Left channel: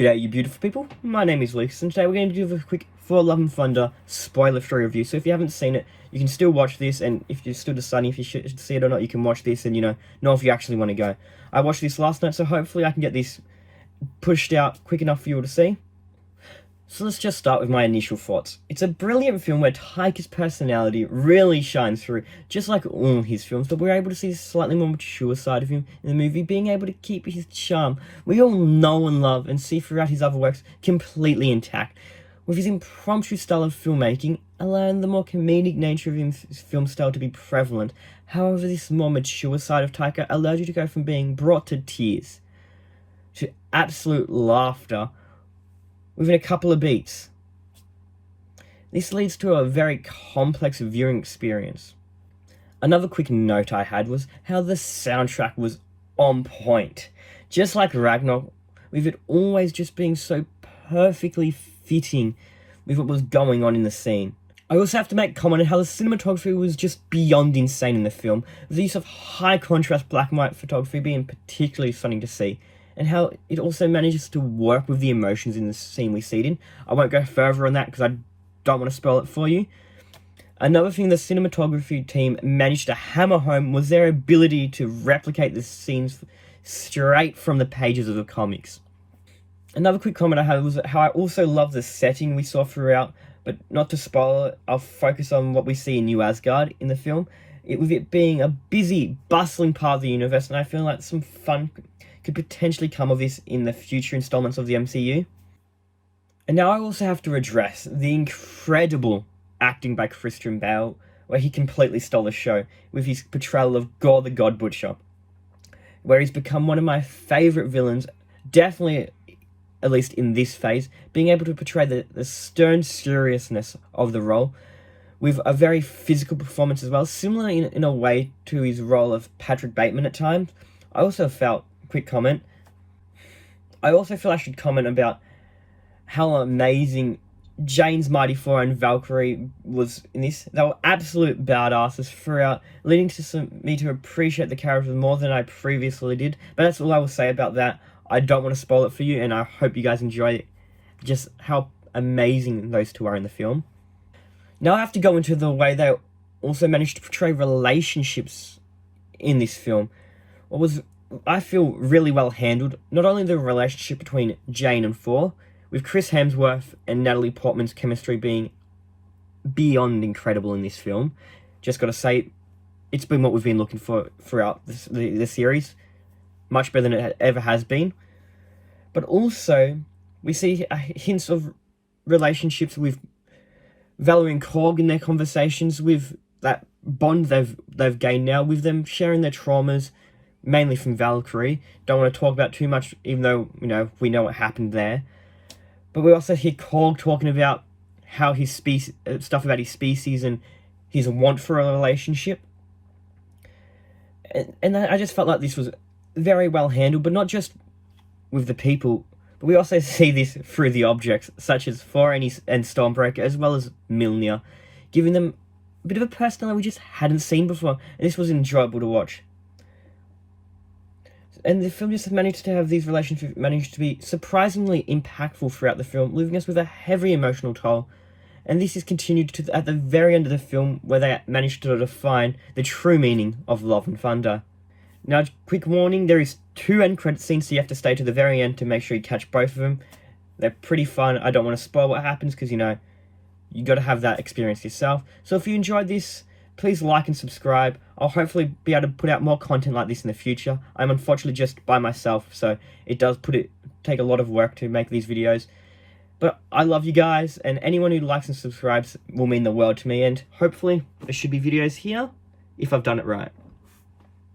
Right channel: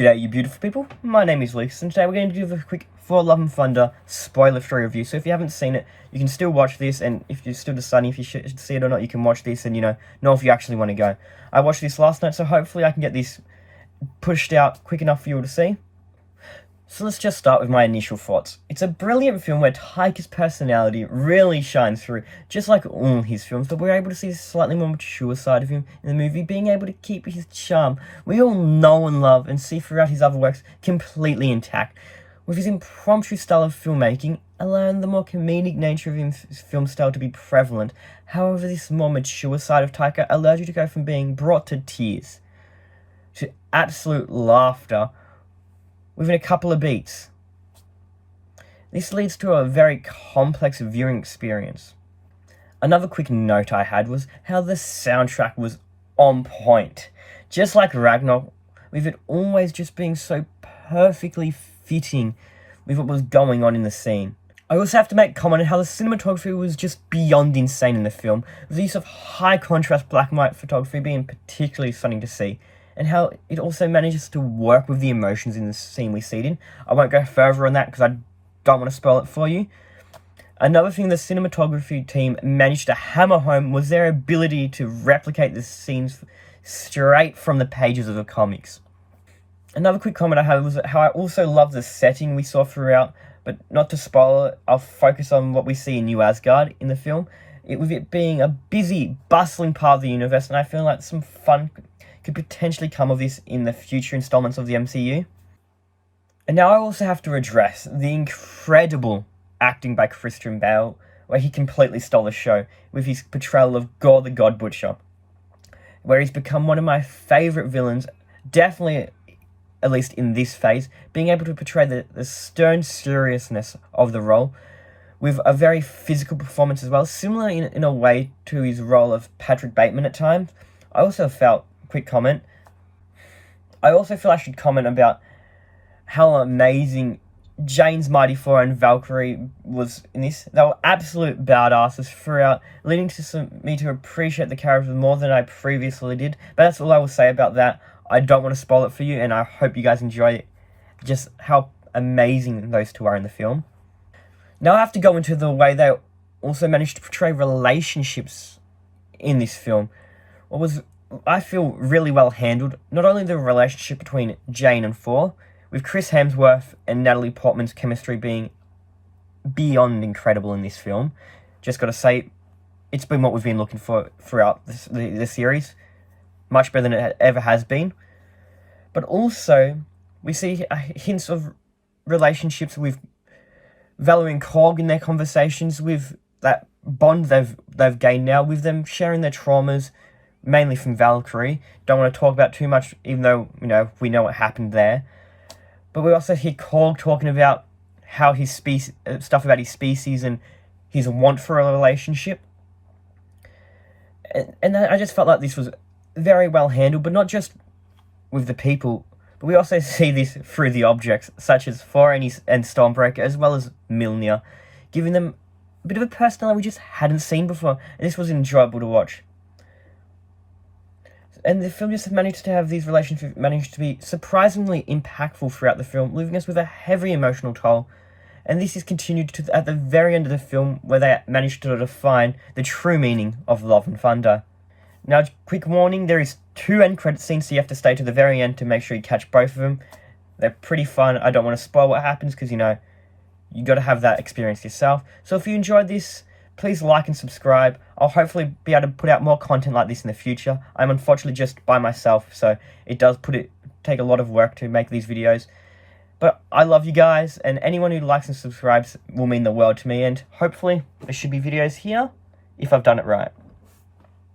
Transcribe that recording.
G'day you beautiful people, my name is Lucas and today we're going to do a quick Thor Love and Thunder spoiler-free review. So if you haven't seen it, you can still watch this, and if you're still deciding if you should see it or not, you can watch this and know if you actually want to go. I watched this last night, so hopefully I can get this pushed out quick enough for you all to see. So let's just start with my initial thoughts. It's a brilliant film where Taika's personality really shines through, just like all his films, but we're able to see a slightly more mature side of him in the movie, being able to keep his charm we all know and love and see throughout his other works completely intact, with his impromptu style of filmmaking allowing the more comedic nature of his film style to be prevalent. However, this more mature side of Taika allows you to go from being brought to tears to absolute laughter within a couple of beats. This leads to a very complex viewing experience. Another quick note I had was how the soundtrack was on point. Just like Ragnarok, with it always just being so perfectly fitting with what was going on in the scene. I also have to make comment on how the cinematography was just beyond insane in the film, with the use of high contrast black and white photography being particularly stunning to see, and how it also manages to work with the emotions in the scene we see it in. I won't go further on that because I don't want to spoil it for you. Another thing the cinematography team managed to hammer home was their ability to replicate the scenes straight from the pages of the comics. Another quick comment I had was how I also love the setting we saw throughout, but not to spoil it, I'll focus on what we see in New Asgard in the film, with it being a busy, bustling part of the universe, and I feel like some fun could potentially come of this in the future installments of the MCU. And now I also have to address the incredible acting by Christian Bale, where he completely stole the show with his portrayal of Gore the God Butcher, where he's become one of my favourite villains, definitely at least in this phase, being able to portray the stern seriousness of the role with a very physical performance as well, similar in a way to his role of Patrick Bateman at times. I also felt, quick comment, I also feel I should comment about how amazing Jane's Mighty Thor and Valkyrie was in this. They were absolute badasses throughout, leading to me to appreciate the characters more than I previously did. But that's all I will say about that. I don't want to spoil it for you, and I hope you guys enjoy it, just how amazing those two are in the film. Now I have to go into the way they also managed to portray relationships in this film. What was, I feel, really well handled. Not only the relationship between Jane and Thor, with Chris Hemsworth and Natalie Portman's chemistry being beyond incredible in this film. Just gotta say, it's been what we've been looking for throughout the series. Much better than it ever has been. But also, we see hints of relationships with Valerie and Korg in their conversations, with that bond they've gained now, with them sharing their traumas, mainly from Valkyrie. Don't want to talk about too much, even though, we know what happened there. But we also hear Korg talking about how his stuff about his species and his want for a relationship. And I just felt like this was very well handled, but not just with the people, but we also see this through the objects, such as Thor and Stormbreaker, as well as Mjolnir, giving them a bit of a personality we just hadn't seen before, and this was enjoyable to watch. And the film just managed to have these relationships managed to be surprisingly impactful throughout the film, leaving us with a heavy emotional toll. And this is continued to at the very end of the film, where they managed to define the true meaning of Love and Thunder. Now, quick warning, there is 2 end credit scenes, so you have to stay to the very end to make sure you catch both of them. They're pretty fun. I don't want to spoil what happens, because, you got to have that experience yourself. So if you enjoyed this, please like and subscribe. I'll hopefully be able to put out more content like this in the future. I'm unfortunately just by myself, so it does take a lot of work to make these videos. But I love you guys, and anyone who likes and subscribes will mean the world to me, and hopefully there should be videos here if I've done it right.